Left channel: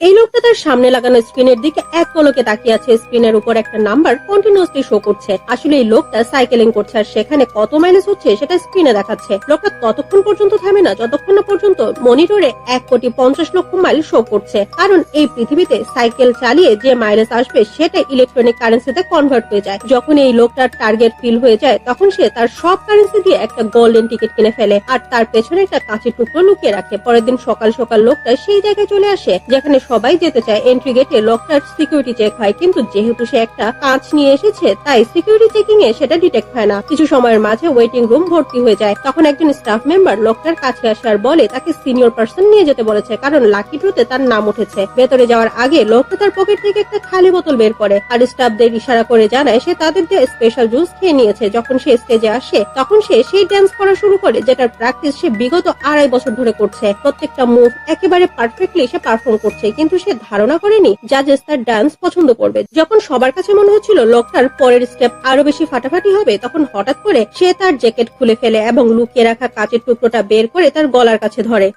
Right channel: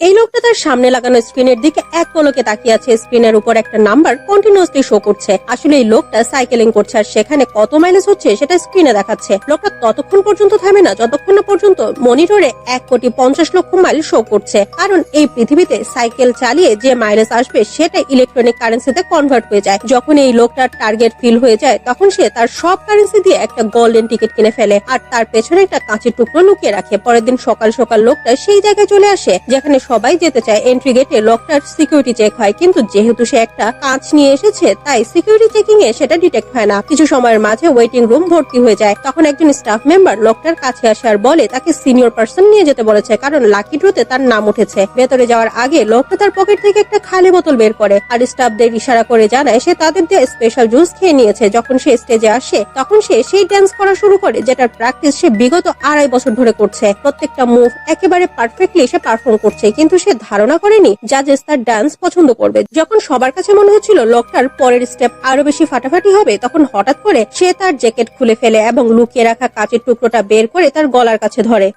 এই লোকটা তার সামনে লাগানো স্ক্রিনের দিকে এক পলকে তাকিয়ে আছে। স্ক্রিনের উপর একটা নাম্বার কন্টিনিউয়াসলি শো করছে। আসলে এই লোকটা সাইকেলিং করছে আর সেখানে কত মাইলেজ হচ্ছে সেটা স্ক্রিনে দেখাচ্ছে। লোকটা ততক্ষণ পর্যন্ত থামে না যতক্ষণ না পর্যন্ত মনিটরে 1,50,00,000 মাইল শো করছে। কারণ এই পৃথিবীতে সাইকেল চালিয়ে যে মাইলেজ আসবে সেটা ইলেকট্রনিক কারেন্সিতে কনভার্ট হয়ে যায়। যখন এই লোকটার টার্গেট ফিল হয়ে যায় তখন সে তার সব কারেন্সি দিয়ে একটা গোল্ডেন টিকিট কিনে ফেলে আর তার পেছনে একটা কাঁচের টুকরো লুকিয়ে রাখে। পরের দিন সকাল সকাল লোকটা সেই জায়গায় চলে আসে যেখানে সবাই যেতে চায়। এন্ট্রি গেটে লোকটার সিকিউরিটি চেক হয়, কিন্তু যেহেতু সে একটা কাঁচ নিয়ে এসেছে তাই সিকিউরিটি চেকিং এ সেটা ডিটেক্ট হয় না। কিছু সময়ের মাঝে ওয়েটিং রুম ভর্তি হয়ে যায়। তখন একজন স্টাফ মেম্বার লোকটার কাছে আসে আর বলে তাকে সিনিয়র পার্সন নিয়ে যেতে বলেছে, কারণ লাকি ড্রতে তার নাম উঠেছে। ভেতরে যাওয়ার আগে লোকটা তার পকেট থেকে একটা খালি বোতল বের করে আর স্টাফদের ইশারা করে জানায় সে তাদের দিয়ে স্পেশাল জুস খেয়ে নিয়েছে। যখন সে স্টেজে আসে তখন সে সেই ডান্স করা শুরু করে যেটার প্র্যাকটিস সে বিগত 2.5 বছর ধরে করছে। প্রত্যেকটা মুভ একেবারে পারফেক্টলি সে পারফর্ম করছে, কিন্তু সে ধারণা করেনি জাজেস তার ডান্স পছন্দ করবে। যখন সবার কাছে মনে হচ্ছিল লোকটার পরের স্টেপ আরো বেশি ফাটাফাটি হবে, তখন হঠাৎ করে সে তার জ্যাকেট খুলে ফেলে এবং লুকিয়ে রাখা কাচের টুকরোটা বের করে তার গলার কাছে ধরে।